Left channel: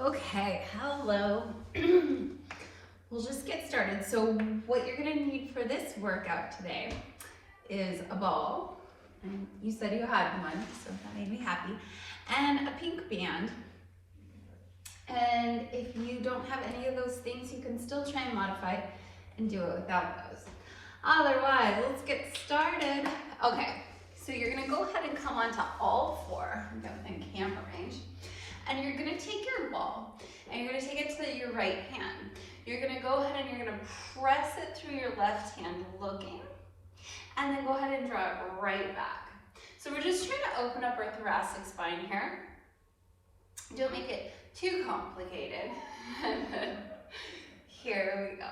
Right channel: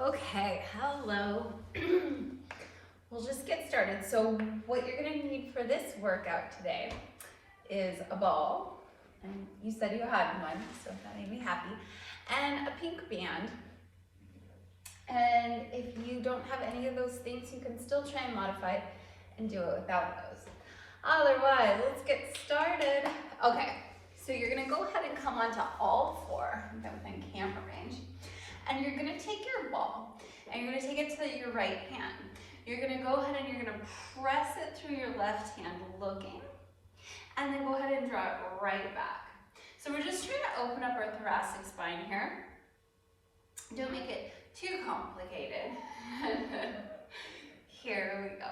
Okay, hello. We'll just get started. So what you're gonna need for this workout today is a ball, and you said you had one, so that made me happy, and a pink band. And if you don't have any of those things, you can still try and modify it and do it without those. Otherwise, let's get started. Okay, so you're gonna go ahead and come onto all four, within camera range, and you're gonna take your ball and you're gonna take it to your right hand. You're gonna go ahead and you're gonna press it through your left hand looking, and then go ahead and draw it right back. So we're just trying to open up our thoracic spine here. Don't make it too complicated. Here we go.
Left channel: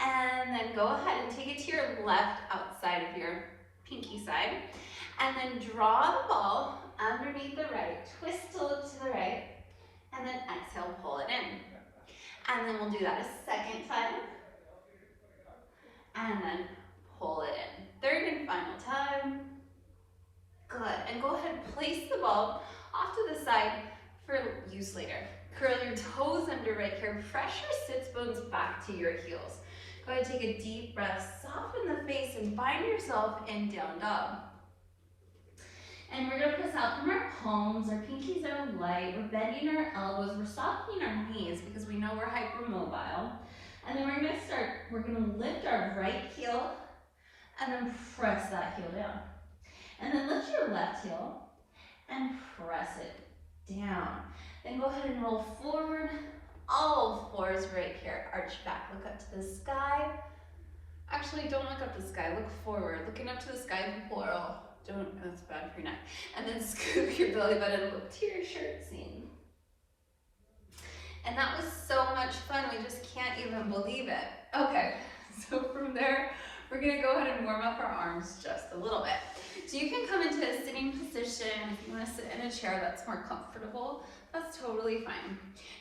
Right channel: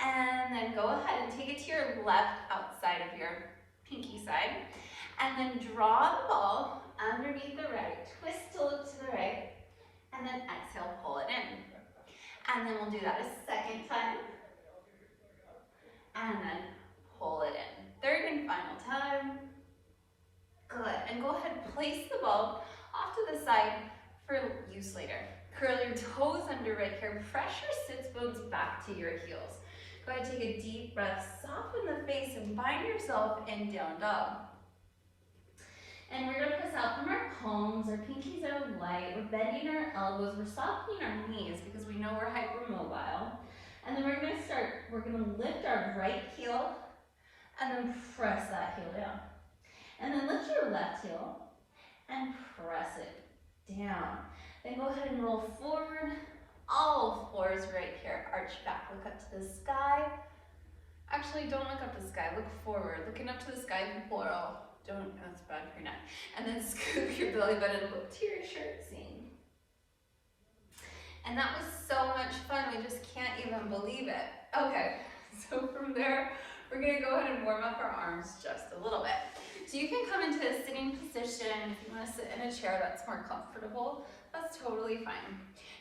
And then go ahead and take it to your left outside of your pinky side, and then draw the ball underneath the right, twist to look to the right, and then exhale, pull it in. And then we'll do that a second time, and then pull it in. Third and final time. Good, and go ahead and place the ball off to the side for use later. Curl your toes under right here, press your sits bones back to your heels. Go ahead and take a deep breath, soften the face, and find yourself in down dog. And we're gonna press out from our palms, our pinkies are light, we're bending our elbows, we're softening our knees because we know we're hypermobile. And then we're gonna lift our right heel and then press that heel down. And then lift your left heel and press it down. Then go ahead and roll forward, all fours right here. Arch back, look up to the sky. Actually, don't look up the sky, look forward. Looking up to the sky, plural. Don't, that's bad for your neck. And then scoop your belly button and look to your shirt seam. And that was so much fun, we just can't even believe it. Okay, so from there, we're gonna go ahead and warm up our arms just a little bit. So you can come into a sitting position. If you wanna sit in a chair that's more comfortable, that's totally fine.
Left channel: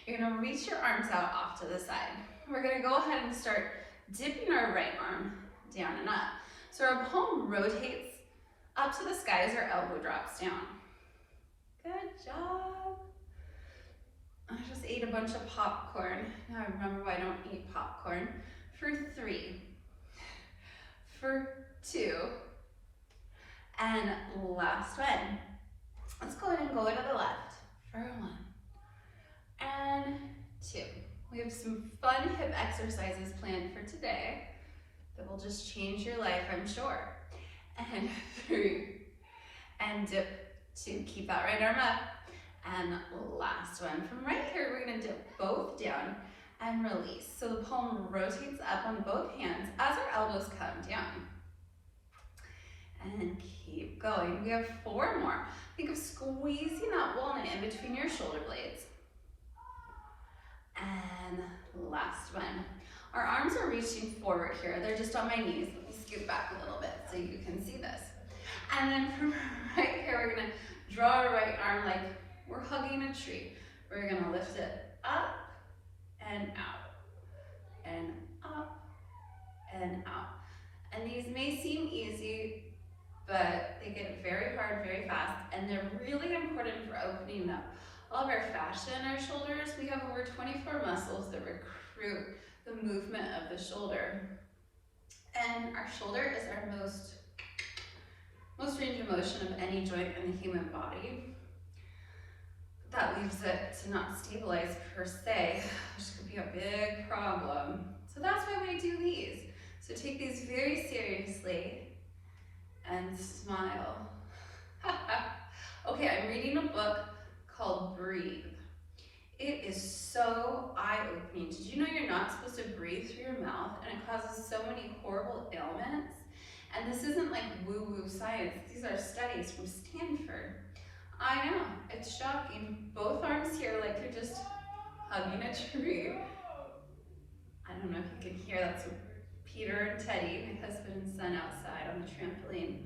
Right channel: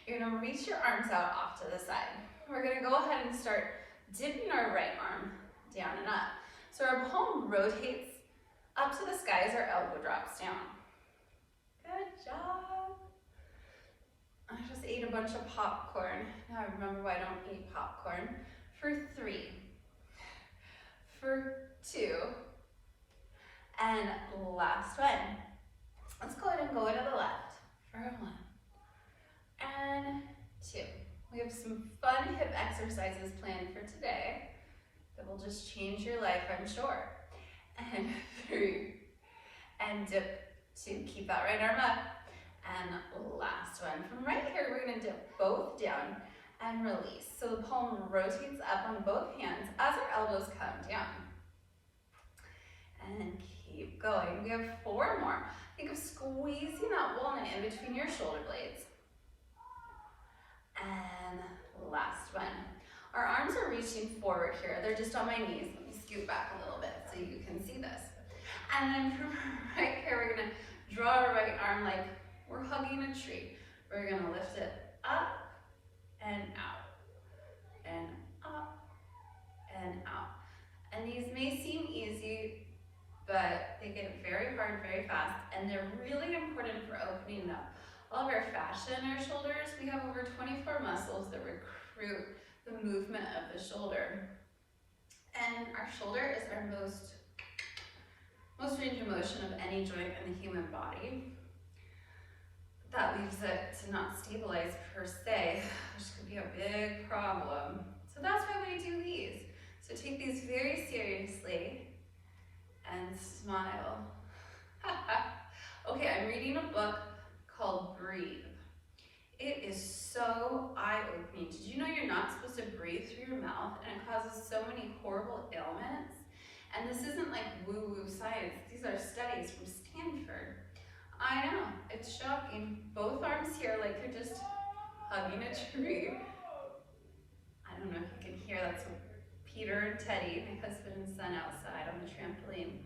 You're gonna reach your arms out off to the side. We're gonna go ahead and start dipping our right arm down and up. So our palm rotates up to the sky as our elbow drops down. Good job. I just ate a bunch of popcorn. Now I remember why I don't eat popcorn. For 3, for 2, and last one. Let's go ahead and go to the left for 1 and 2. We have some fun hip exercises planned for today that will just change your life, I'm sure. And 3, and dip 2. Keep that right arm up. And last one. From right here, we're gonna dip both down and release. So the palm rotates up on both hands as our elbows come down. And keep going. We have 4 more. Think of squeezing that walnut in between your shoulder blades. And last one. Our arms are reaching forward here. They're just on my knees. Let me scoot back a little bit so you can see this. And then from right here, we're gonna draw our right arm like we're hugging a tree. We're gonna lift it up and out, and up and out. And these may seem easy, but they get very hard very fast, and they're really important for opening up all of our fascia in our shoulders. We have over 24 muscles that recruit the movement of the shoulder. And our shoulder is our most range of motion of any joint in the human body. That leaves it to not stabilize per se, which could be a big problem. So that's why we do these. So take these very seriously and smile. Okay, I'm reading a book called Breathe. It is so eye-opening. Did you know you're not supposed to breathe through your mouth, and it causes so many horrible ailments? And this isn't like woo-woo science. These are studies from Stanford. I know, it's shocking. Both arms here like you're just hugging a tree. I don't know if you can hear, that's Peter and Teddy, my husband and son, outside on the trampoline.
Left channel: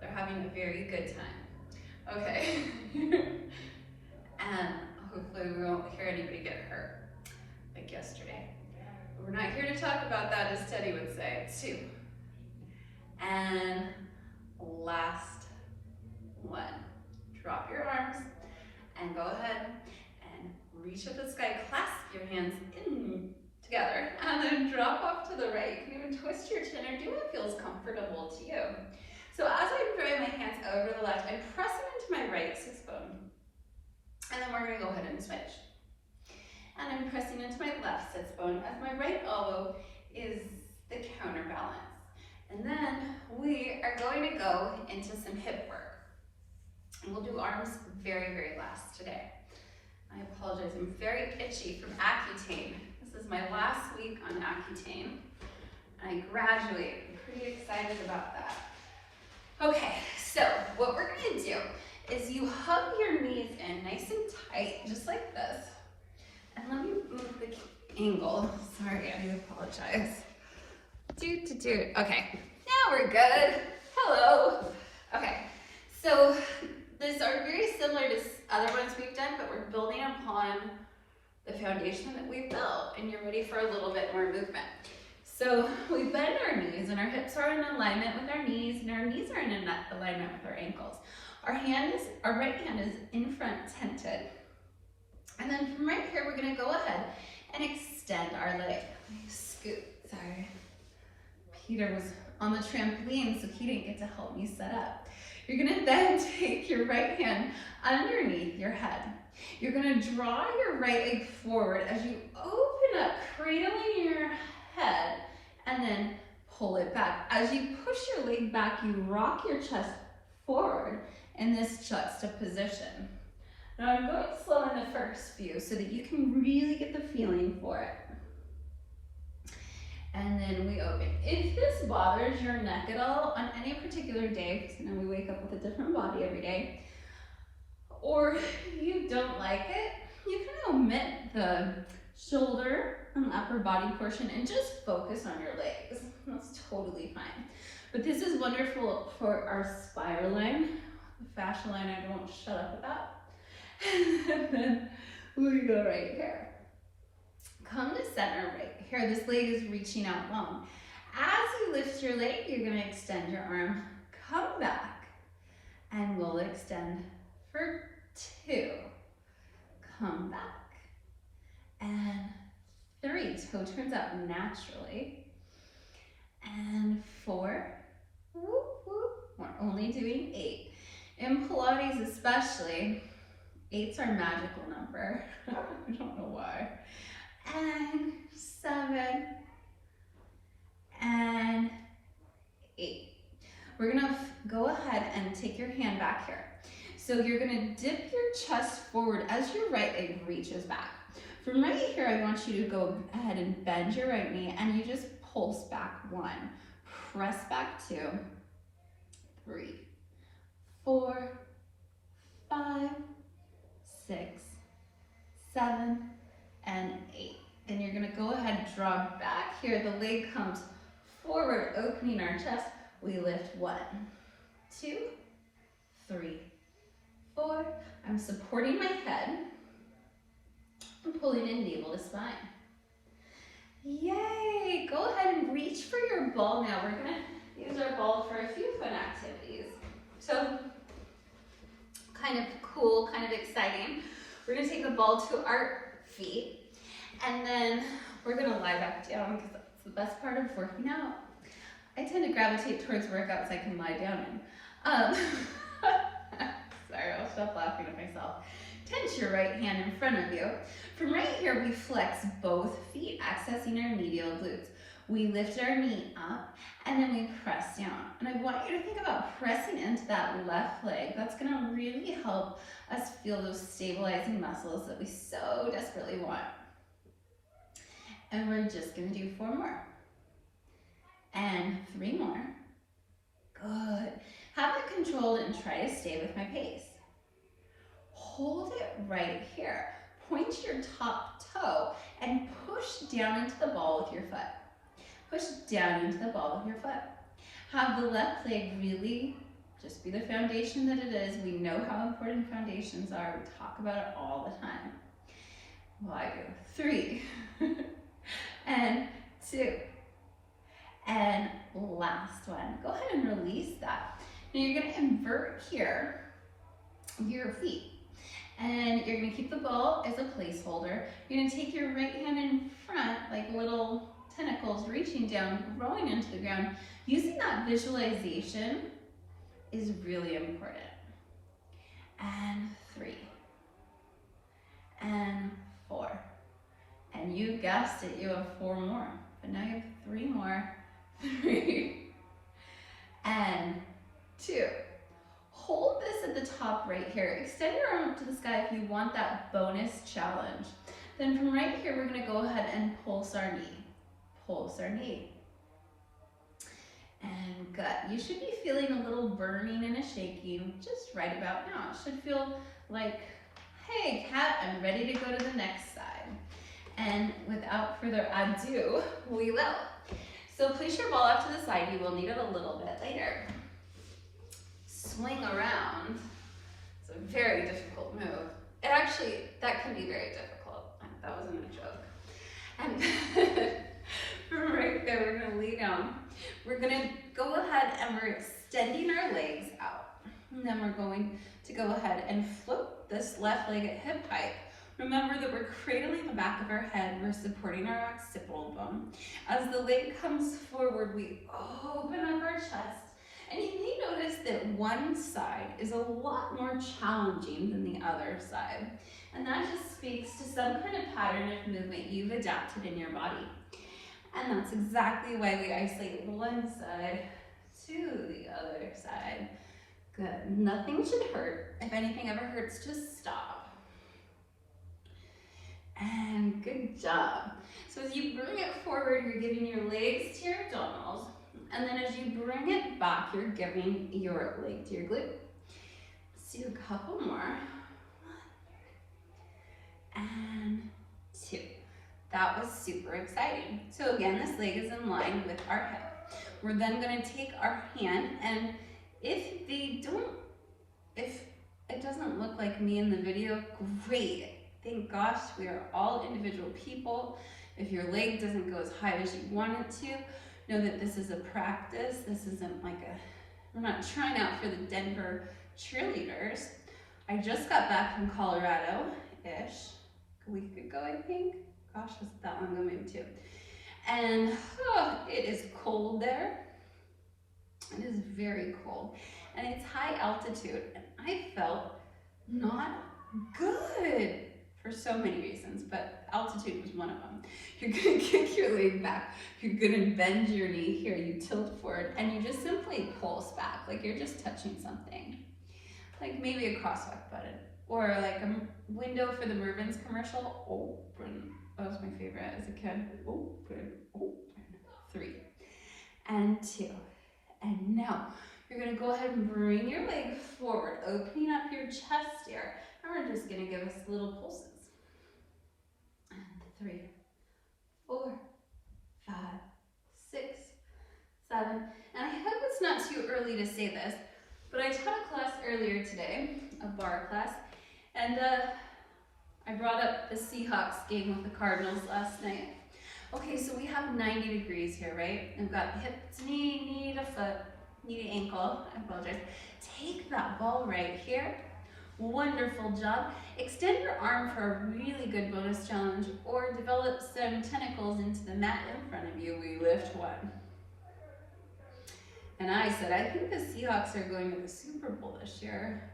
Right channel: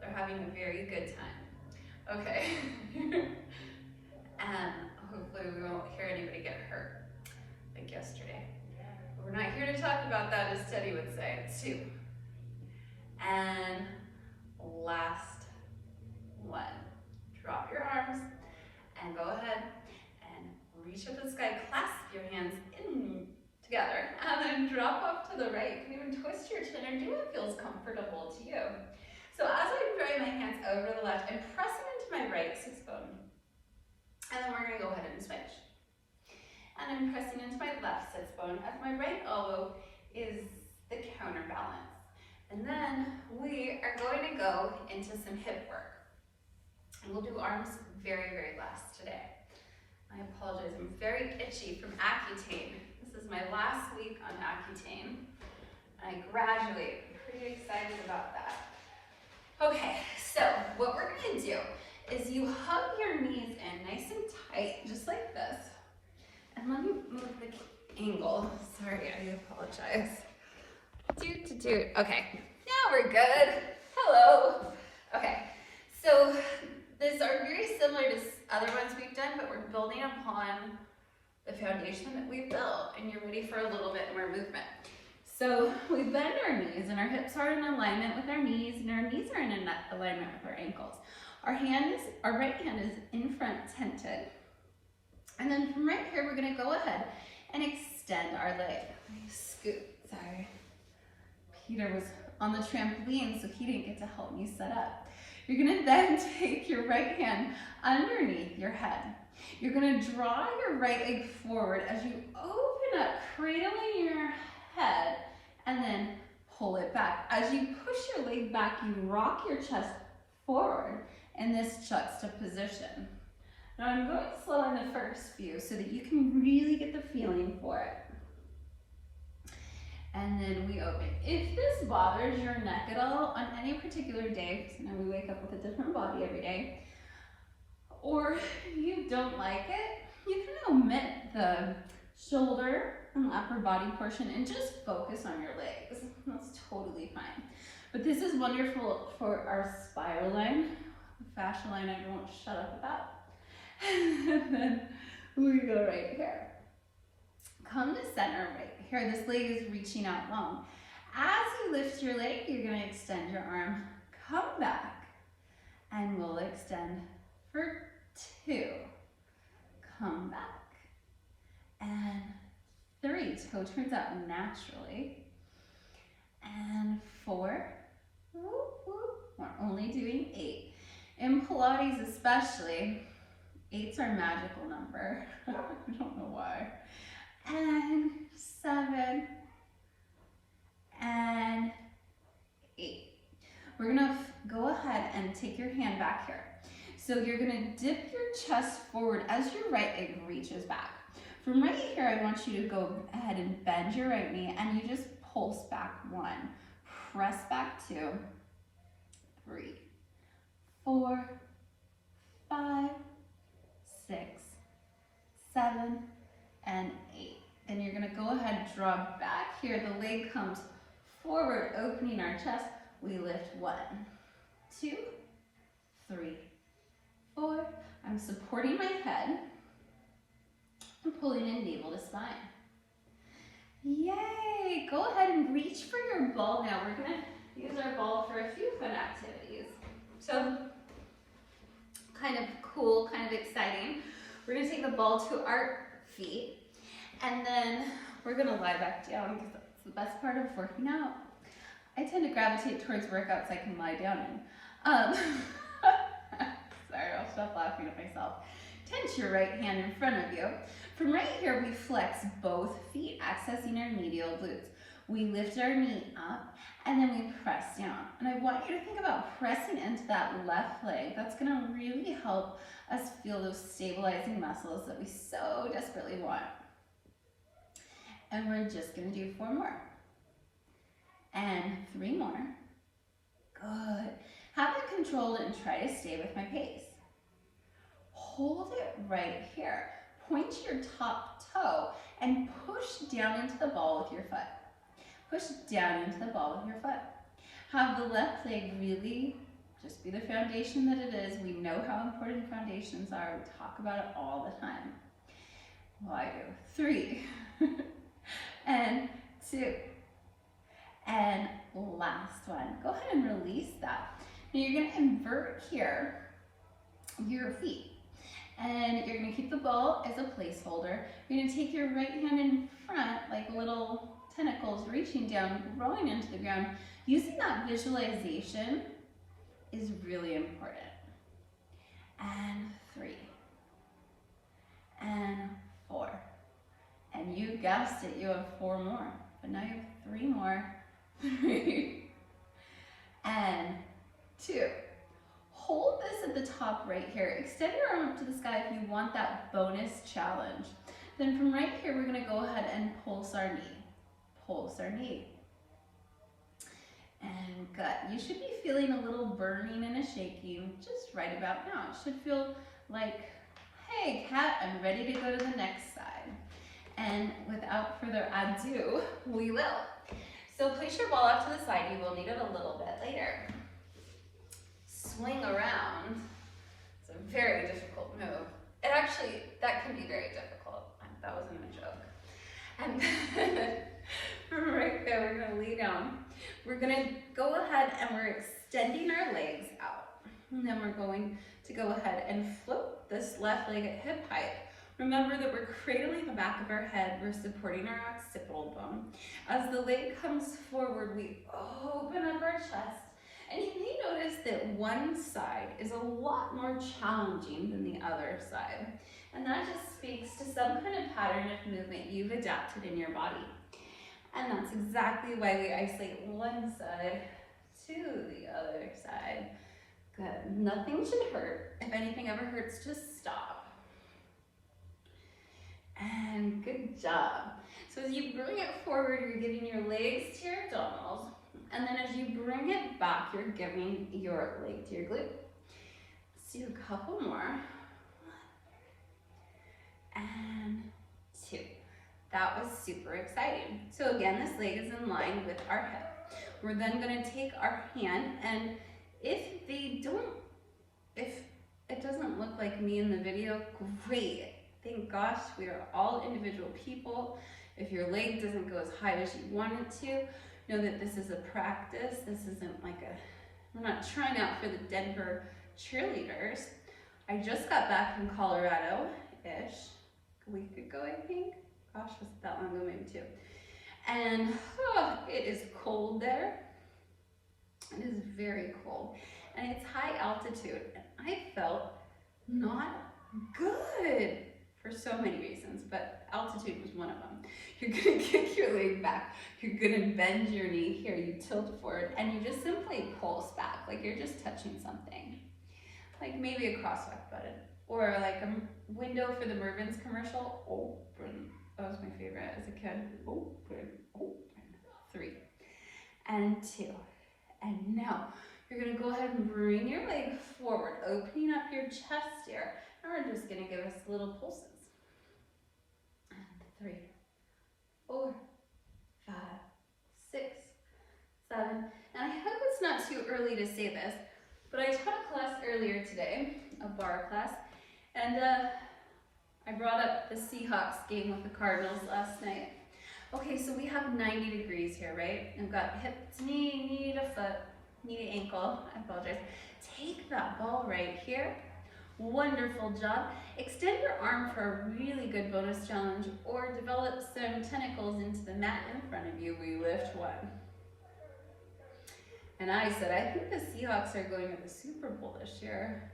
They're having a very good time. Okay. And hopefully we won't hear anybody get hurt, like yesterday. But we're not here to talk about that, as Teddy would say, too. And last one. Drop your arms and go ahead and reach up the sky, clasp your hands in together, and then drop off to the right. You can even twist your chin or do what feels comfortable to you. So as I drive my hands over to the left, I press them into my right sits bone. And then we're gonna go ahead and switch. And I'm pressing into my left sits bone as my right elbow is the counterbalance. And then we are going to go into some hip work. And we'll do arms very, very last today. I apologize, I'm very itchy from Accutane. This is my last week on Accutane. I graduated, I'm pretty excited about that. Okay, so what we're gonna do is you hug your knees in nice and tight, just like this. And let me move the angle. Sorry, I do apologize. Okay, now we're good. Hello. Okay, so these are very similar to other ones we've done, but we're building upon the foundation that we've built, and you're ready for a little bit more movement. So we bend our knees, and our hips are in alignment with our knees, and our knees are in alignment with our ankles. Our right hand is in front tented. And then from right here, we're gonna go ahead and extend our leg. Scoot, sorry. Peter was on the trampoline, so he didn't get to help me set up. You're gonna then take your right hand underneath your head. You're gonna draw your right leg forward as you open up, cradling your head, and then pull it back. As you push your leg back, you rock your chest forward in this juxtaposition. Now I'm going slow in the first few so that you can really get the feeling for it. And then we open. If this bothers your neck at all on any particular day, because we wake up with a different body every day, or you don't like it, you can omit the shoulder and upper body portion and just focus on your legs. That's totally fine. But this is wonderful for our spiral line, the fascia line. I won't shut up about. And then we go right here. Come to center right here. This leg is reaching out long. As you lift your leg, you're going to extend your arm. Come back, and we'll extend for 2. Come back, and 3. Toe turns out naturally. And 4. Whoop, whoop. We're only doing 8. In Pilates especially, 8's our magical number. I don't know why. And 7. And 8. We're gonna go ahead and take your hand back here. So you're gonna dip your chest forward as your right leg reaches back. From right here, I want you to go ahead and bend your right knee, and you just pulse back 1. Press back 2. 3, 4, 5, 6, 7, and 8. Then you're gonna go ahead and draw back here. The leg comes forward, opening our chest. We lift 1, 2, 3, 4. I'm supporting my head. I'm pulling in navel to spine. Yay! Go ahead and reach for your ball now. We're gonna use our ball for a few fun activities. So, kind of cool, kind of exciting. We're gonna take a ball to our feet, and then we're gonna lie back down because that's the best part of working out. I tend to gravitate towards workouts I can lie down in. Sorry, I'll stop laughing at myself. Tense your right hand in front of you. From right here, we flex both feet, accessing our medial glutes. We lift our knee up, and then we press down. And I want you to think about pressing into that left leg. That's gonna really help us feel those stabilizing muscles that we so desperately want. And we're just gonna do 4 more. And 3 more. Good. Have it controlled and try to stay with my pace. Hold it right here. Point your top toe and push down into the ball with your foot. Push down into the ball with your foot. Have the left leg really just be the foundation that it is. We know how important foundations are. We talk about it all the time. Well, I do. 3 and 2 and last one. Go ahead and release that. Now you're going to invert here your feet. And you're gonna keep the ball as a placeholder. You're gonna take your right hand in front, like little tentacles reaching down, rolling into the ground. Using that visualization is really important. And 3. And 4. And you guessed it, you have 4 more. But now you have 3 more. 3. And 2. Hold this at the top right here. Extend your arm up to the sky if you want that bonus challenge. Then from right here, we're gonna go ahead and pulse our knee. Pulse our knee. And good. You should be feeling a little burning and a shaking just right about now. It should feel like, hey, cat, I'm ready to go to the next side. And without further ado, we will. So place your ball off to the side. You will need it a little bit later. Swing around. It's a very difficult move. It actually, that can be very difficult. That wasn't a joke. And from right there, we're gonna lay down. We're gonna go ahead and we're extending our legs out. And then we're going to go ahead and float this left leg at hip height. Remember that we're cradling the back of our head. We're supporting our occipital bone. As the leg comes forward, we open up our chest. And you may notice that one side is a lot more challenging than the other side. And that just speaks to some kind of pattern of movement you've adapted in your body. And that's exactly why we isolate one side to the other side. Good. Nothing should hurt. If anything ever hurts, just stop. And good job. So as you bring it forward, you're giving your legs to your abdominals. And then as you bring it back, you're giving your leg to your glute. Let's do a couple more. 1 and 2. That was super exciting. So again, this leg is in line with our hip. We're then going to take our hand, and if it doesn't look like me in the video, great. Thank gosh, we are all individual people. If your leg doesn't go as high as you want it to, know that this is a practice. This isn't like we're not trying out for the Denver cheerleaders. I just got back from Colorado-ish, a week ago, I think. Gosh, was it that long ago? Maybe 2. And it is cold there. It is very cold. And it's high altitude. And I felt not good for so many reasons, but altitude was one of them. You're gonna kick your leg back. You're gonna bend your knee here. You tilt forward and you just simply pulse back, like you're just touching something. Like maybe a crosswalk button or like a window for the Mervyn's commercial. Open. That was my favorite as a kid. Open, open. 3 and 2. And now you're gonna go ahead and bring your leg forward, opening up your chest here. And we're just gonna give us little pulses. And 3, 4, 5, 6, 7. And I hope it's not too early to say this, but I taught a class earlier today, a bar class, and I brought up the Seahawks game with the Cardinals last night. Okay, so we have 90 degrees here, right? I've got hip to knee, knee to foot, knee to ankle. I apologize. Take that ball right here. Wonderful job. Extend your arm for a really good bonus challenge or develop some tentacles into the mat in front of you. We lift 1. And I said, I think the Seahawks are going to the Super Bowl this year.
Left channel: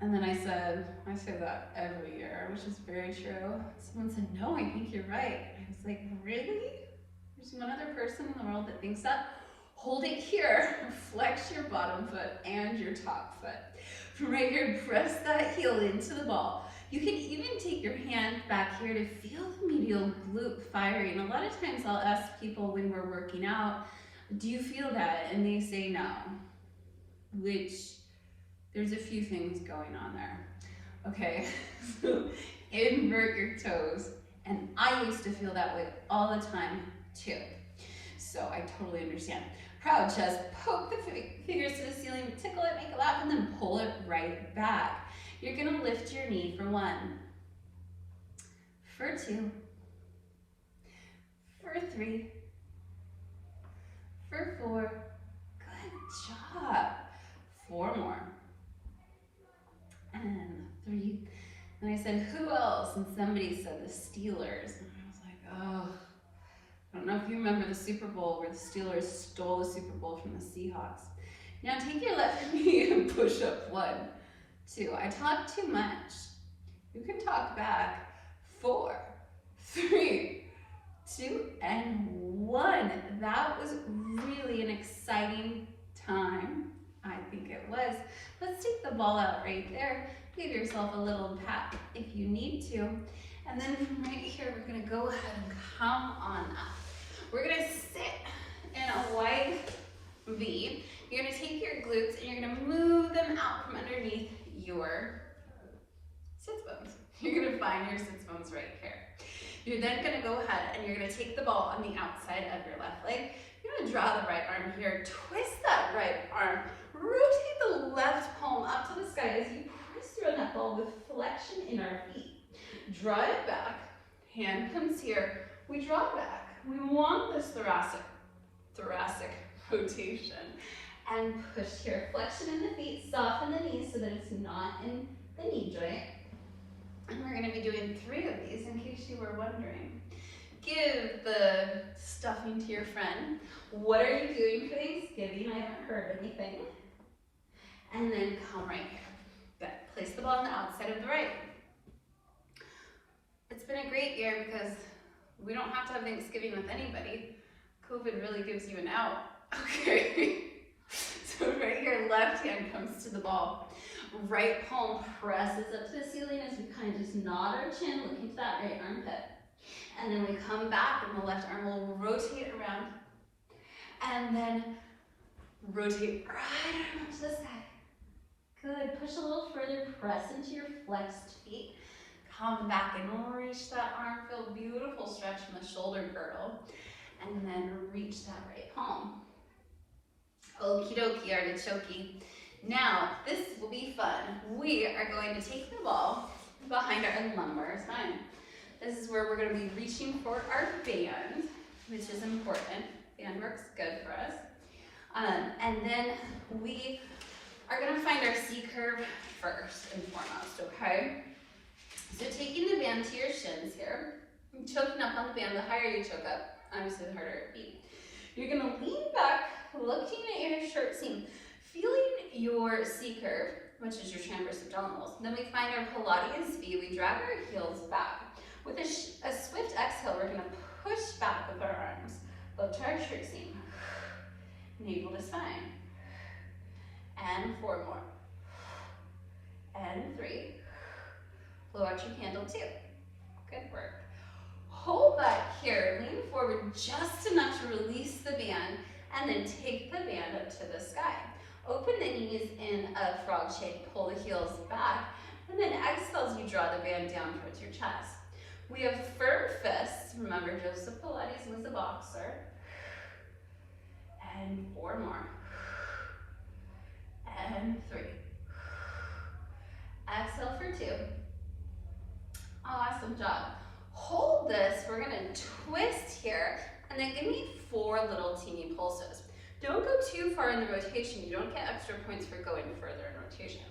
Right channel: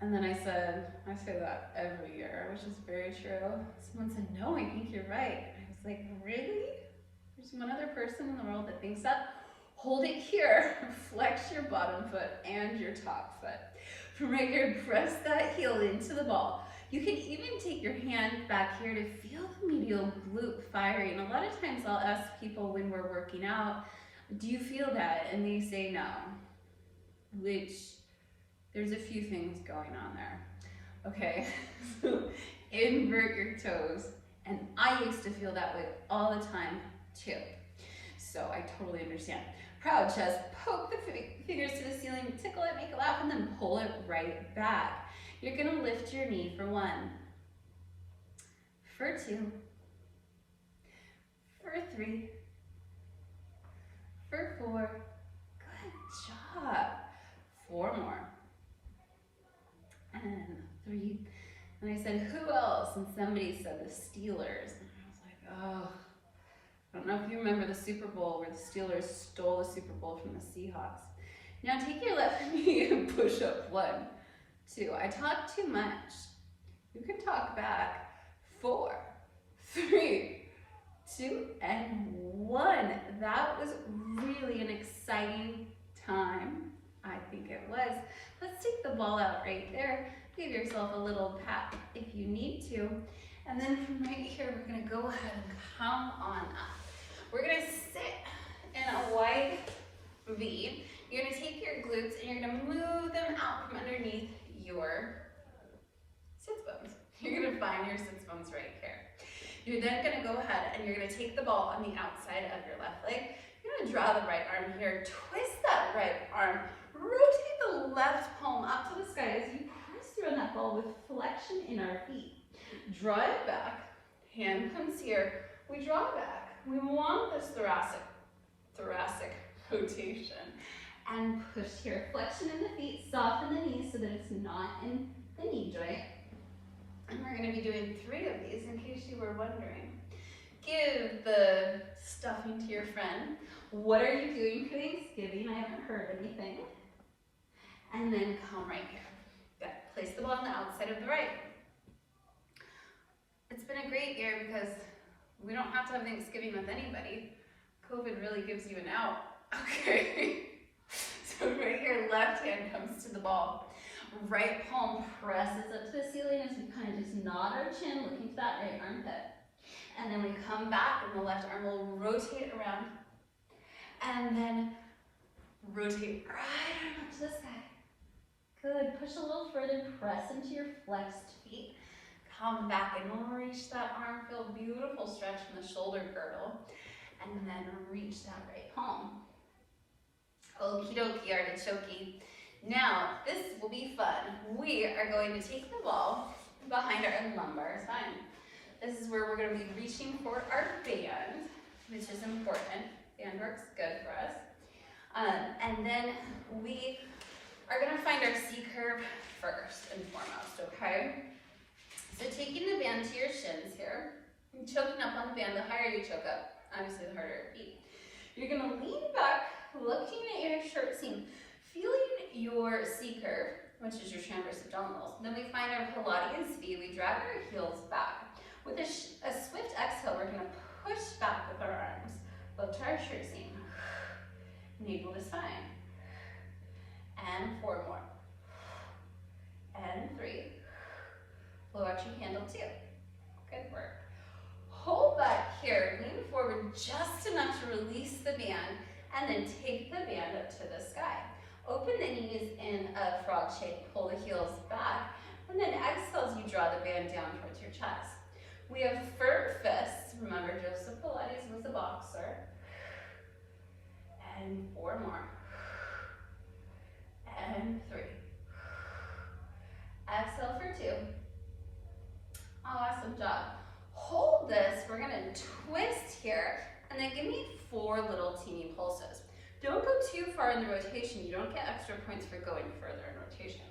And then I say that every year, which is very true. Someone said, no, I think you're right. And I was like, really? There's one other person in the world that thinks that? Hold it here. Flex your bottom foot and your top foot. From right here, press that heel into the ball. You can even take your hand back here to feel the medial glute firing. A lot of times I'll ask people when we're working out, do you feel that? And they say no, which there's a few things going on there. Okay, so invert your toes. And I used to feel that way all the time too. So I totally understand. Proud chest, poke the fingers to the ceiling, tickle it, make it laugh, and then pull it right back. You're gonna lift your knee for 1, for 2, for 3, for 4. Good job. 4 more. And 3. And I said, who else? And somebody said the Steelers. And I was like, oh, I don't know if you remember the Super Bowl where the Steelers stole the Super Bowl from the Seahawks. Now take your left knee and push up 1, 2. I talked too much. You can talk back. 4, 3, 2, and 1. That was really an exciting time. I think it was. Let's take the ball out right there. Give yourself a little pat if you need to. And then from right here, we're gonna go ahead and come on up. We're gonna sit in a wide V. You're gonna take your glutes and you're gonna move them out from underneath your sits bones. You're gonna find your sits bones right here. You're then gonna go ahead and you're gonna take the ball on the outside of your left leg. You're gonna draw the right arm here, twist that right arm, rotate the left palm up to the sky as you press through on that ball with flexion in our feet. Draw it back, hand comes here, we draw back. We want this thoracic rotation. And push here, flexion in the feet, soften the knees so that it's not in the knee joint. And we're gonna be doing 3 of these in case you were wondering. Give the stuffing to your friend. What are you doing for Thanksgiving? I haven't heard anything. And then come right here. Good. Place the ball on the outside of the right. It's been a great year because we don't have to have Thanksgiving with anybody. COVID really gives you an out. Okay. So right here, left hand comes to the ball. Right palm presses up to the ceiling as we kind of just nod our chin, looking to that right armpit. And then we come back and the left arm will rotate around. And then rotate right arm to the side. Good, push a little further, press into your flexed feet. Come back and reach that arm, feel a beautiful stretch from the shoulder girdle. And then reach that right palm. Okie dokie, artichoke. Now, this will be fun. We are going to take the ball behind our lumbar spine. This is where we're going to be reaching for our band, which is important. Band works good for us. And then we are going to find our C curve first and foremost, okay? So taking the band to your shins here, choking up on the band, the higher you choke up, obviously the harder it beats. You're going to lean back, looking at your shirt seam, feeling your C curve, which is your transverse abdominals. Then we find our Pilates V. We drag our heels back. With a swift exhale, we're going to push back with our arms. Look to our shirt seam. Navel to spine. And 4 more. And 3. Blow out your candle 2. Good work. Hold back here. Lean forward just enough to release the band. And then take the band up to the sky. Open the knees in a frog shape. Pull the heels back. And then exhale as you draw the band down towards your chest. We have firm fists. Remember, Joseph Pilates was a boxer. And 4 more. And 3. Exhale for 2. Awesome job. Hold this. We're going to twist here. And then give me 4 little teeny pulses. Don't go too far in the rotation. You don't get extra points for going further in rotation.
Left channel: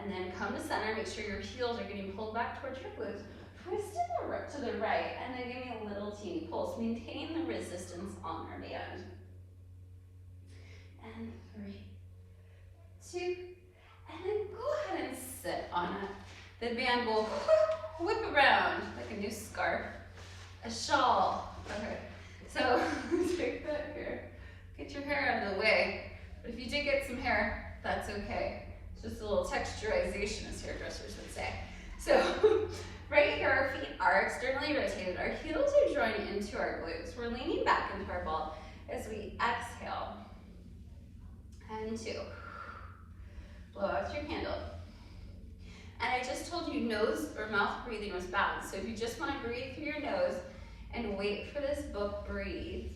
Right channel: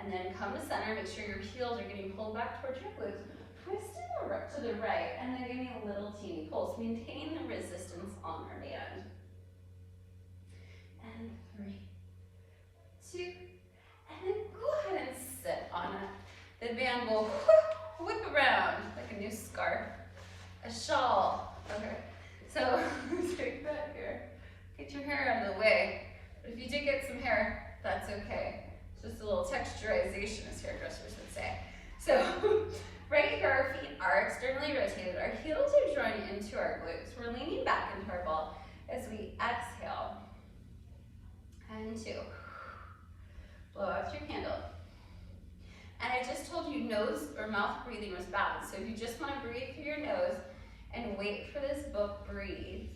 And then come to center. Make sure your heels are getting pulled back towards your glutes. Twist to the right, and then give me a little teeny pulse, maintaining the resistance on our band. And 3, 2, and then go ahead and sit on it. The band will whip around like a new scarf, a shawl. Okay, so take that here. Get your hair out of the way. But if you did get some hair, that's okay. It's just a little texturization, as hairdressers would say. So right here, our feet are externally rotated. Our heels are drawing into our glutes. We're leaning back into our ball as we exhale. And 2. Blow out your candle. And I just told you nose or mouth breathing was balanced. So if you just want to breathe through your nose and wait for this book, breathe.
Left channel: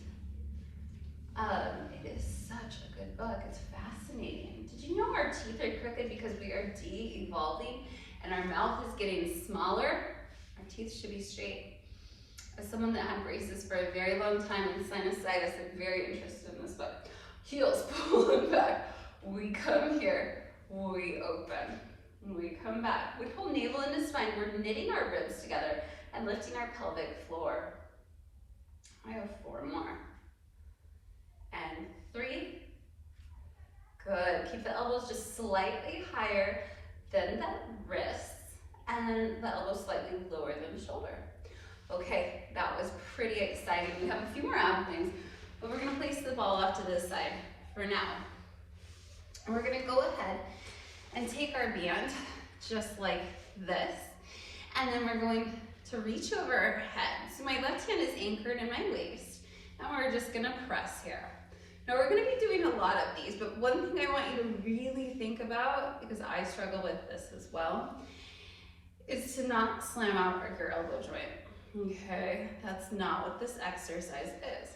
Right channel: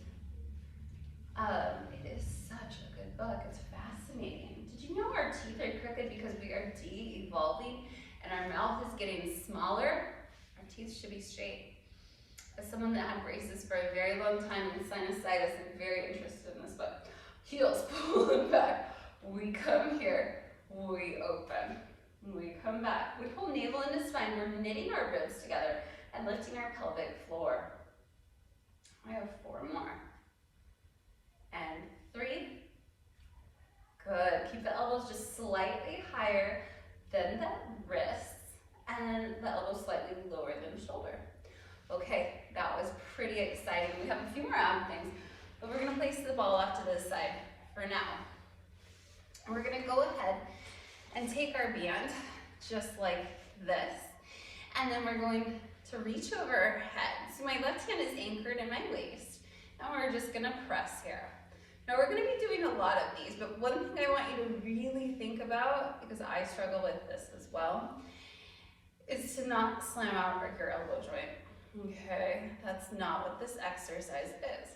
It is such a good book. It's fascinating. Did you know our teeth are crooked because we are de-evolving and our mouth is getting smaller? Our teeth should be straight. As someone that had braces for a very long time and sinusitis, I'm very interested in this book. Heels pull it back. We come here. We open. And we come back. We pull navel into spine. We're knitting our ribs together and lifting our pelvic floor. I have 4 more. And 3. Good. Keep the elbows just slightly higher than the wrists and the elbows slightly lower than shoulder. Okay, that was pretty exciting. We have a few more ab things, but we're gonna place the ball off to this side for now. And we're gonna go ahead and take our band just like this, and then we're going to reach over our head. So my left hand is anchored in my waist, and we're just gonna press here. Now we're gonna be doing a lot of these, but one thing I want you to really think about, because I struggle with this as well, is to not slam out your elbow joint. Okay, that's not what this exercise is.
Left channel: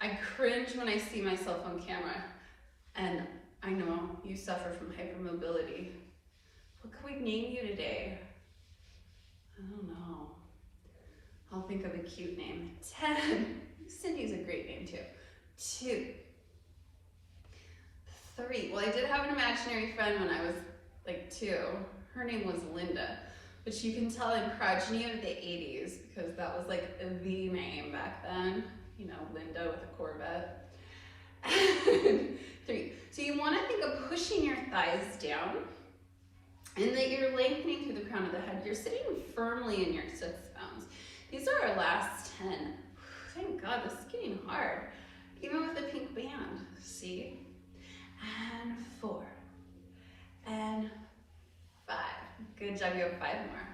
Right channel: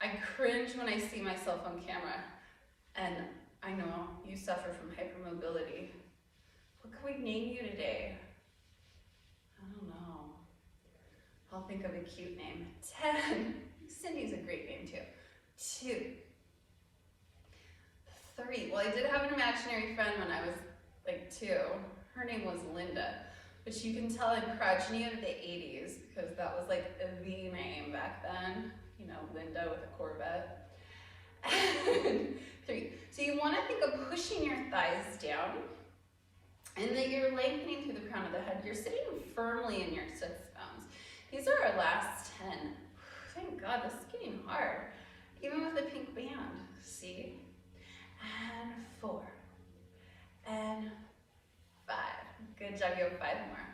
I cringe when I see myself on camera, and I know you suffer from hypermobility. What can we name you today? I don't know. I'll think of a cute name. 10. Cindy's a great name too. 2. 3. Well, I did have an imaginary friend when I was like 2. Her name was Linda, which you can tell in Crogeny of the 80s because that was like the name back then. You know, Linda with a Corvette. 3. So you want to think of pushing your thighs down and that you're lengthening through the crown of the head. You're sitting firmly in your sits bones. These are our last 10. Thank God, this is getting hard. Even with the pink band, see? And 4. And 5. Good job, you have 5 more.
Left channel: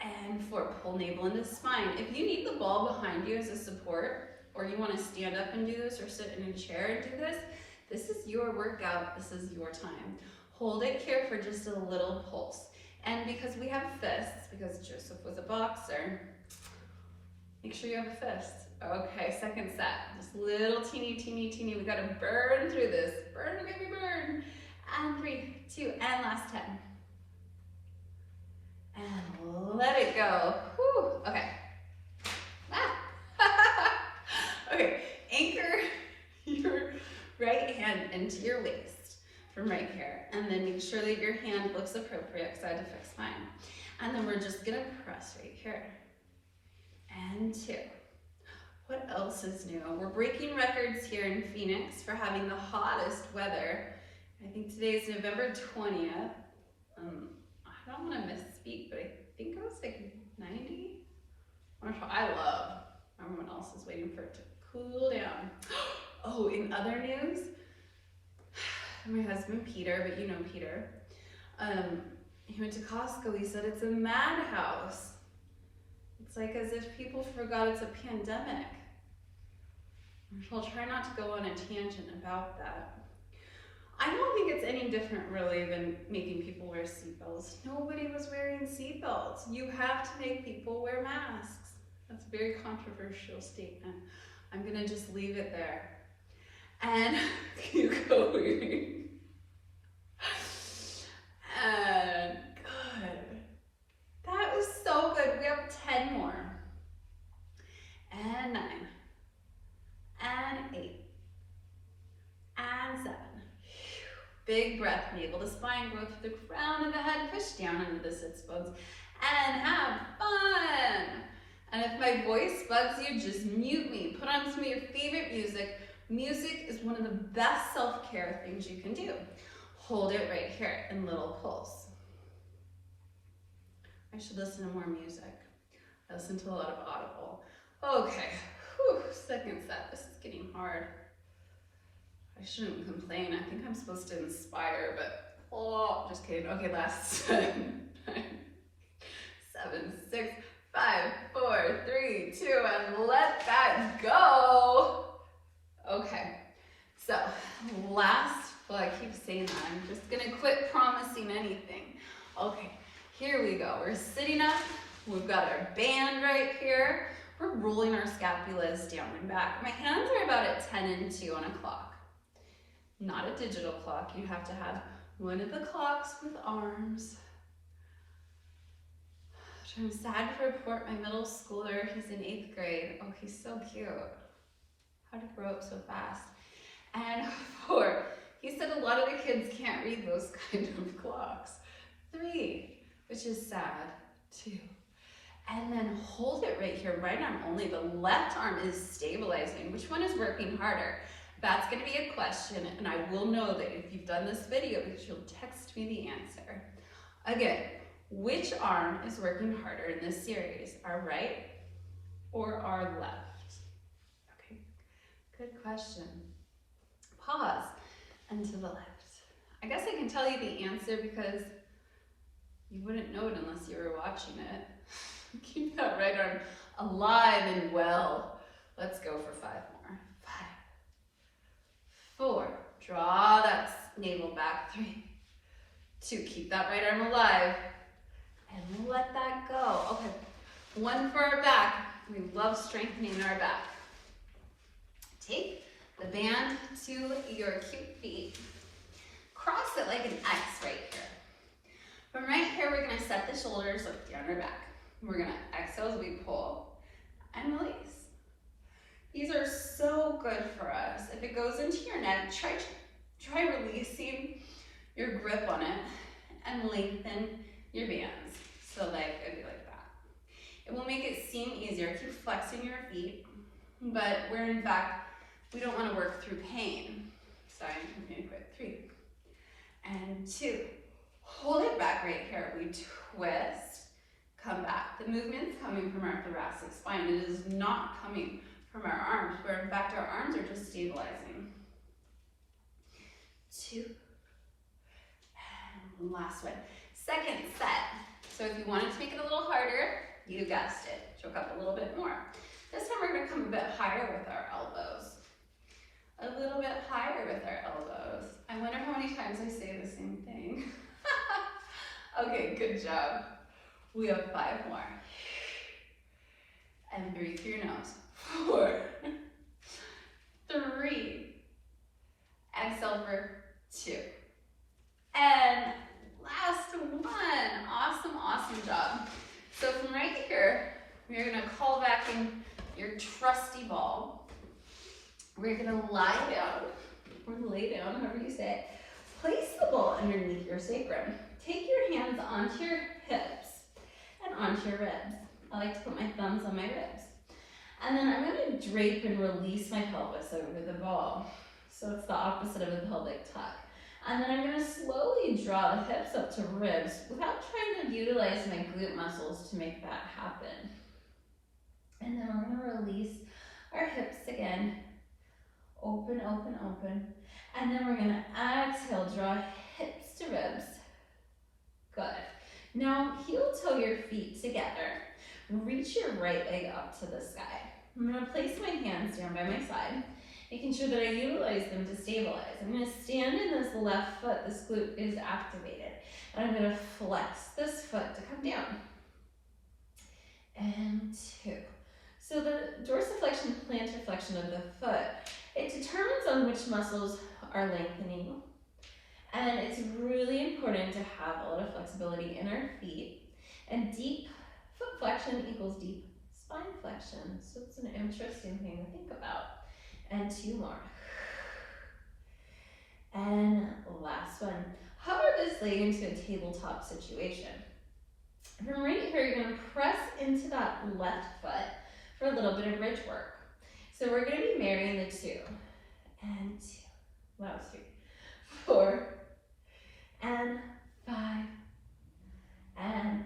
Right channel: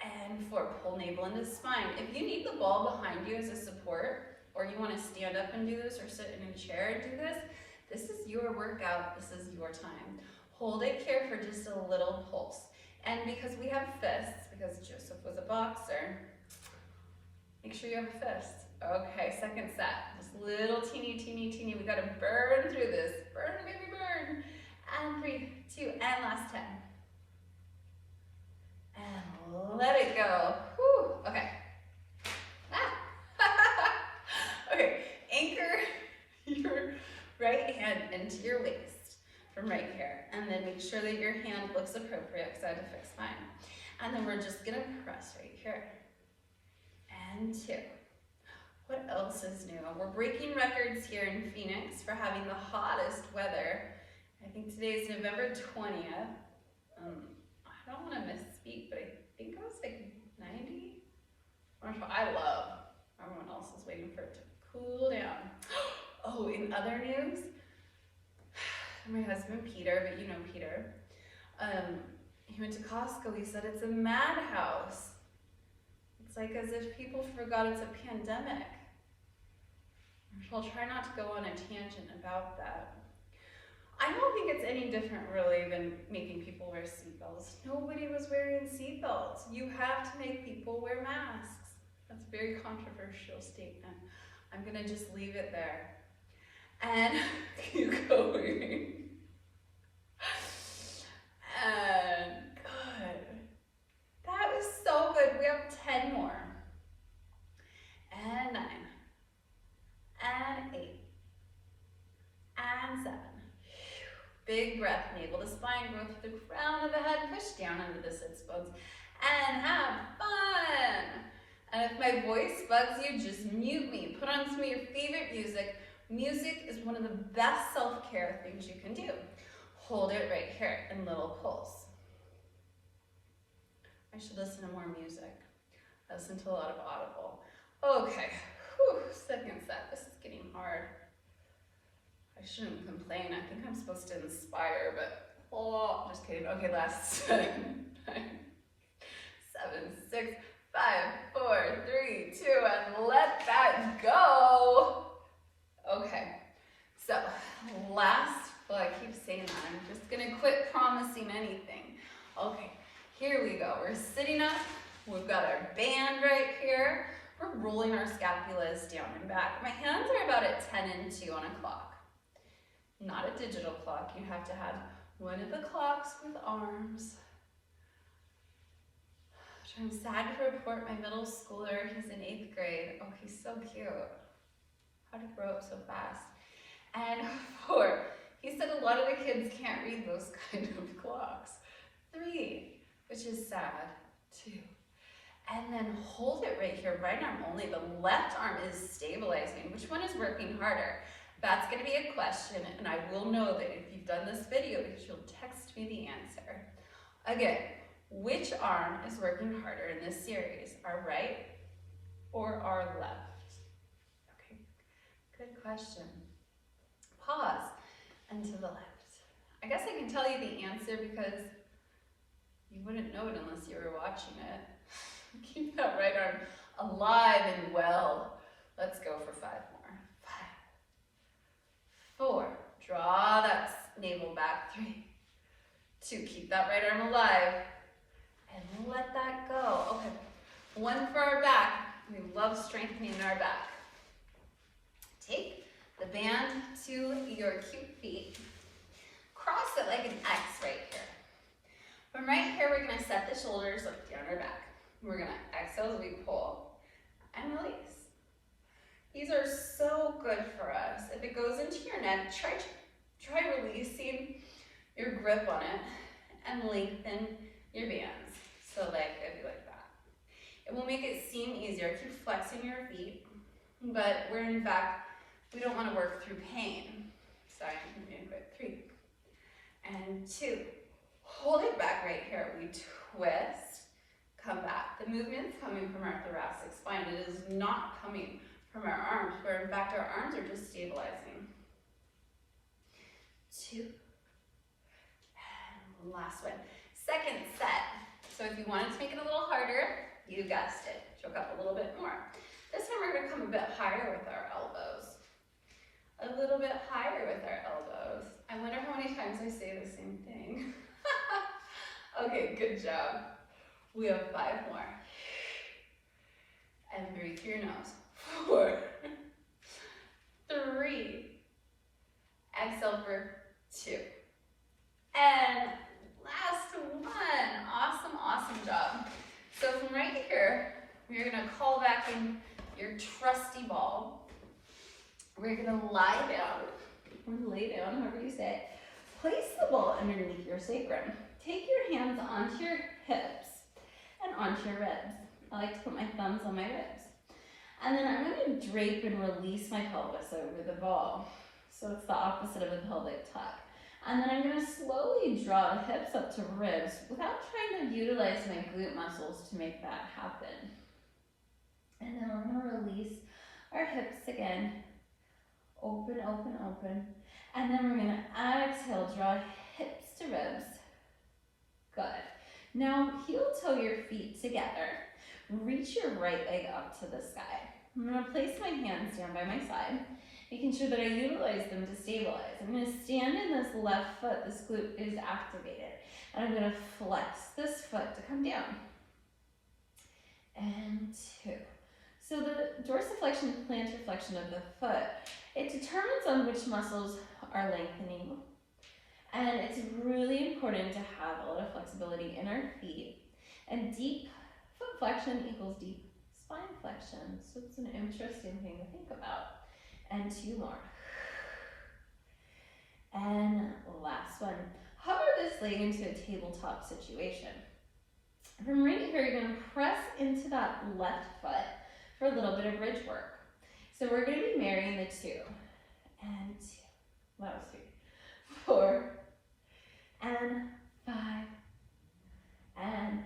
5. And 4, pull navel into spine. If you need the ball behind you as a support, or you want to stand up and do this, or sit in a chair and do this, this is your workout, this is your time. Hold it here for just a little pulse. And because we have fists, because Joseph was a boxer, make sure you have a fist. Okay, second set, just little teeny, we gotta burn through this. Burn, baby, burn. And 3, 2, and last 10. And let it go. Whew, okay. Okay, anchor your right hand into your waist from right here, and then make sure that your hand looks appropriate because I had to fix mine. And then we're just gonna press right here. And 2. What else is new? We're breaking records here in Phoenix for having the hottest weather. I think today is November 20th. I don't want to misspeak, but I think it was like 90. I love. Everyone else is waiting for it to cool down. Oh, in other news, my husband Peter, but you know Peter, he went to Costco. He said it's a madhouse. It's like as if people forgot it's a pandemic. I'll try not to go on a tangent about that. I don't think it's any different really than making people wear seatbelts. Nobody was wearing seatbelts. You have to make people wear masks. That's a very controversial statement. I'm gonna just leave it there. And keep going. And good. That was so good. We have 10 more. And 9. And 8. And 7. Big breath, navel to spine, grow through the crown of the head, push down into the sits bones, and have fun. And if my voice bugs you, just mute me. Put on some of your favorite music. Music is one of the best self-care things you can do. Hold it right here in little pulse. I should listen to more music. I listen to a lot of Audible. Okay, whew, second set. This is getting hard. I shouldn't complain. I think I'm supposed to inspire, but oh, just kidding. Okay, last 10, 9, 7, 6, 5, 4, 3, 2, and let that go. Okay, so last, well, I keep saying that. I'm just gonna quit promising anything. Okay, here we go. We're sitting up. We've got our band right here. We're rolling our scapulas down and back. My hands are about at 10 and 2 on a clock. Not a digital clock. You have to have one of the clocks with arms. I'm sad to report my middle schooler, he's in 8th grade. Oh, he's so cute. How did he grow up so fast? And 4, He said a lot of the kids can't read those kind of clocks. 3, which is sad. 2. And then hold it right here, right arm only. The left arm is stabilizing. Which one is working harder? That's gonna be a question, and I will know that if you've done this video because you'll text me the answer. Again, which arm is working harder in this series? Our right or our left? Okay, good question. Pause and to the left. I guess I can tell you the answer because you wouldn't know it unless you were watching it. Keep that right arm alive and well. Let's go for 5 more. 5, 4, draw that navel back. 3, 2, keep that right arm alive and let that go. Okay, 1 for our back. We love strengthening our back. Take the band to your cute feet. Cross it like an X right here. From right here, we're gonna set the shoulders up down our back. We're gonna exhale as we pull and release. These are so good for us. If it goes into your neck, try releasing your grip on it and lengthen your bands. So like, it'd be like that. It will make it seem easier. Keep flexing your feet, but in fact, we don't wanna work through pain. So I'm gonna quit. 3 and 2. Hold it back right here. We twist, come back. The movement's coming from our thoracic spine. It is not coming from our arms, where in fact our arms are just stabilizing. 2. And last one. Second set. So if you wanted to make it a little harder, you guessed it. Choke up a little bit more. This time we're gonna come a bit higher with our elbows. A little bit higher with our elbows. I wonder how many times I say the same thing. Okay, good job. We have 5 more. And breathe through your nose. 4, 3, exhale for 2. And last one. Awesome, awesome job. So from right here, we're gonna call back in your trusty ball. We're gonna lie down, or lay down, however you say it. Place the ball underneath your sacrum. Take your hands onto your hips and onto your ribs. I like to put my thumbs on my ribs. And then I'm gonna drape and release my pelvis over the ball. So it's the opposite of a pelvic tuck. And then I'm gonna slowly draw the hips up to ribs without trying to utilize my glute muscles to make that happen. And then we're gonna release our hips again. Open, open, open. And then we're gonna exhale, draw hips to ribs. Good. Now heel toe your feet together. Reach your right leg up to the sky. I'm gonna place my hands down by my side, making sure that I utilize them to stabilize. I'm gonna stand in this left foot, this glute is activated. And I'm gonna flex this foot to come down. And 2. So the dorsiflexion, plantar flexion of the foot, it determines on which muscles are lengthening. And it's really important to have a lot of flexibility in our feet. And deep foot flexion equals deep spine flexion. So it's an interesting thing to think about. And 2 more. And last one. Hover this leg into a tabletop situation. From right here, you're gonna press into that left foot for a little bit of bridge work. So we're gonna be marrying the 2. And 2. That was 3. 4. And 5. And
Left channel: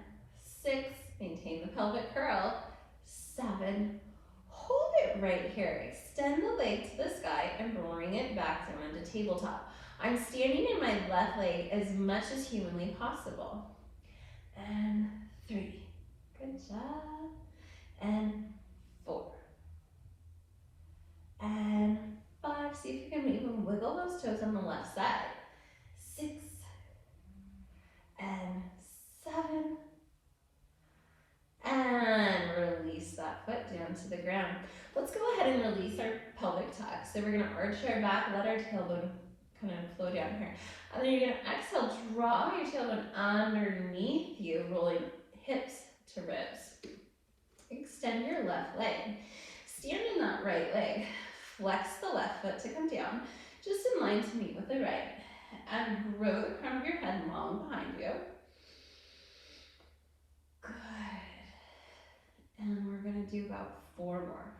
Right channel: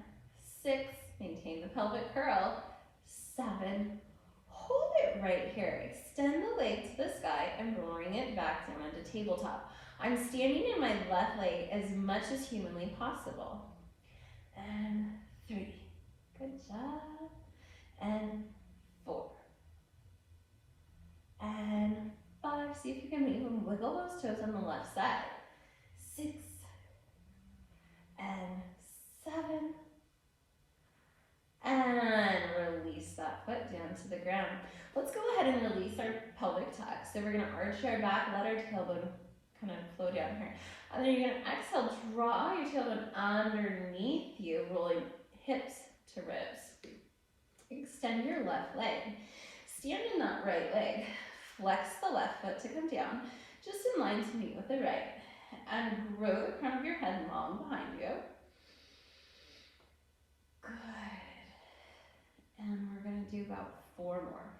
6. Maintain the pelvic curl. 7. Hold it right here. Extend the leg to the sky and bring it back down into tabletop. I'm standing in my left leg as much as humanly possible. And 3. Good job. And 4. And 5. See if you can even wiggle those toes on the left side. 6. And 7. And release that foot down to the ground. Let's go ahead and release our pelvic tuck. So we're gonna arch our back, let our tailbone kind of flow down here. And then you're gonna exhale, draw your tailbone underneath you, rolling hips to ribs. Extend your left leg. Stand in that right leg. Flex the left foot to come down. just in line to meet with the right. And grow the crown of your head long behind you. Good. And we're gonna do about 4 more.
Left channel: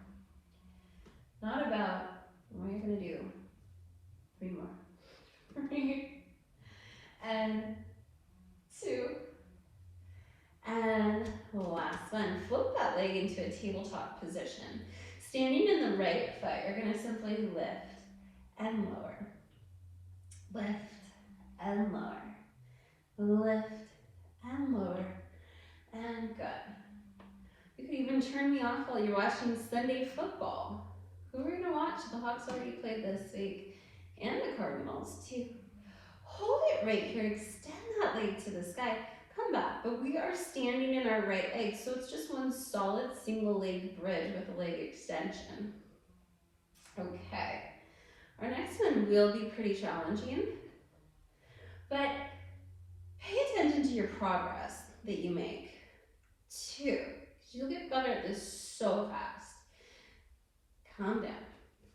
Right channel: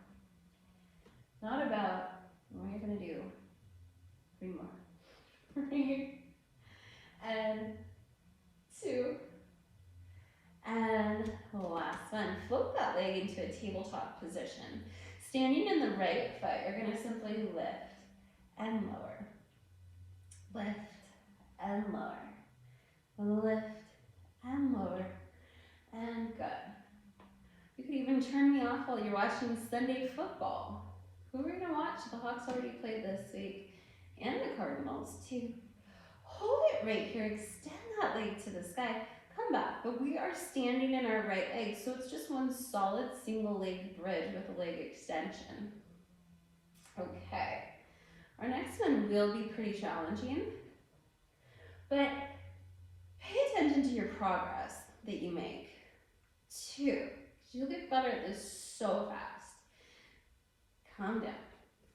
Not about, we're gonna do 3 more. 3 and 2. And last one, float that leg into a tabletop position. Standing in the right foot, you're gonna simply lift and lower. Lift and lower. Lift and lower. And good. You could even turn me off while you're watching Sunday football. Who are we gonna watch? The Hawks already played this week. And the Cardinals too. Hold it right here, extend that leg to the sky. Come back, but we are standing in our right leg, so it's just one solid single leg bridge with a leg extension. Okay, our next one will be pretty challenging, but pay attention to your progress that you make. 2, you'll get better at this so fast. Calm down,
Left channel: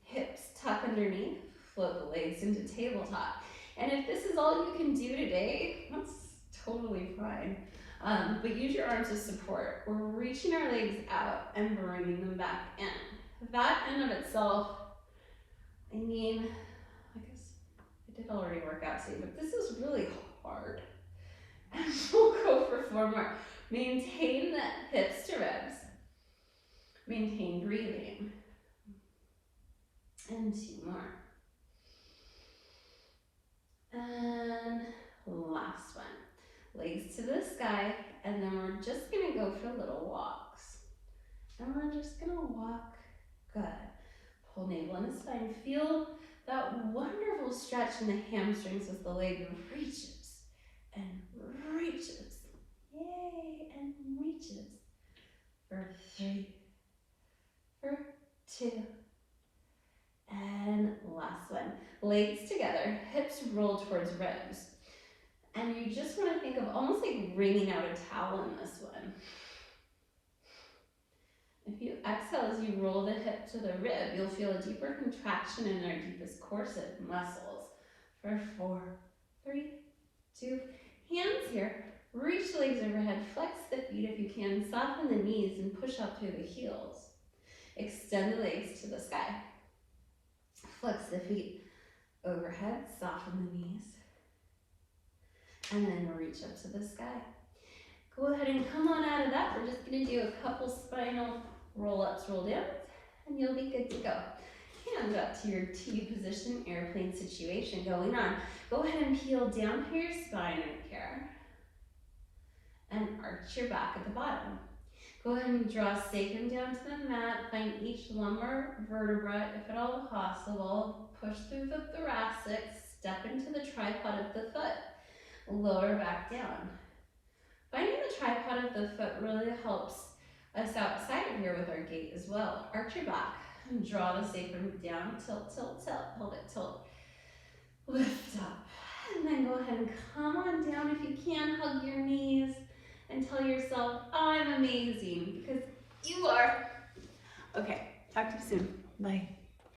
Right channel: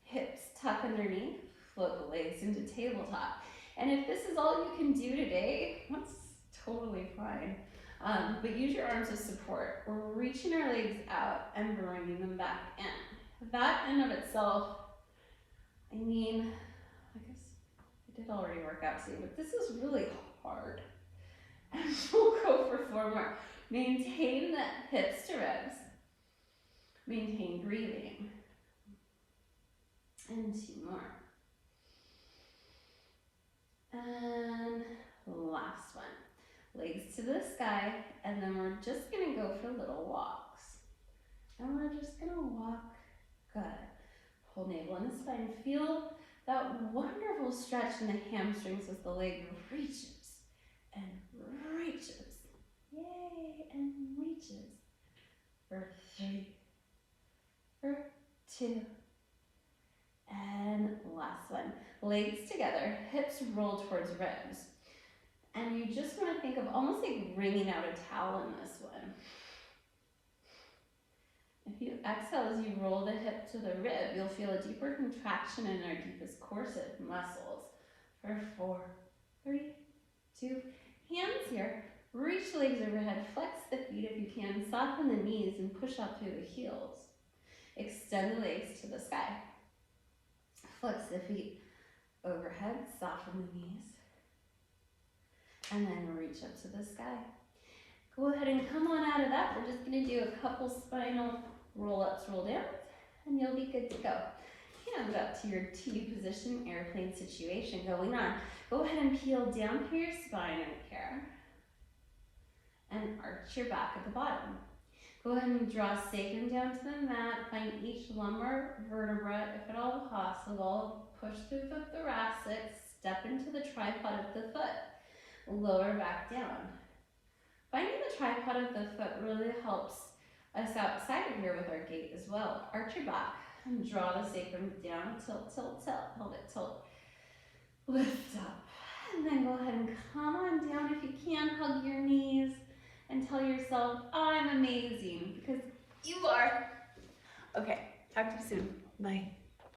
hips tuck underneath, float the legs into tabletop. And if this is all you can do today, that's totally fine. But use your arms as support. We're reaching our legs out and bringing them back in. That in of itself, I mean, I guess I did already work out today, but this is really hard. And we'll go for 4 more. Maintain the hips to ribs. Maintain breathing. And 2 more. And last one. Legs to the sky, and then we're just gonna go for little walks. And we're just gonna walk. Good. Pull navel in the spine. Feel that wonderful stretch in the hamstrings as the leg reaches and reaches. Yay, and reaches. For 3, for 2, and last one. Legs together, hips roll towards ribs. And you just want to think of almost like wringing out a towel in this one. If you exhale as you roll the hip to the rib, you'll feel a deeper contraction in our deepest corset muscles. For 4, 3, 2, hands here. Reach legs overhead, flex the feet if you can, soften the knees and push out through the heels. Extend the legs to the sky. Flex the feet overhead, soften the knees. And then reach up to the sky. Go ahead and come on out of that. We're just gonna do a couple spinal roll-ups, roll downs, and you'll be good to go. Hands up to your T position, airplane situation going on. Go ahead and peel down through your spine right here. And arch your back at the bottom. Go ahead and draw sacrum down to the mat. Find each lumbar vertebra, if at all possible. Push through the thoracic, step into the tripod of the foot. Lower back down. Finding the tripod of the foot really helps us outside of here with our gait as well. Arch your back and draw the sacrum down. Tilt, tilt, tilt. Hold it, tilt. Lift up. And then go ahead and come on down if you can. Hug your knees and tell yourself, I'm amazing, because you are. Okay, talk to you soon. Bye.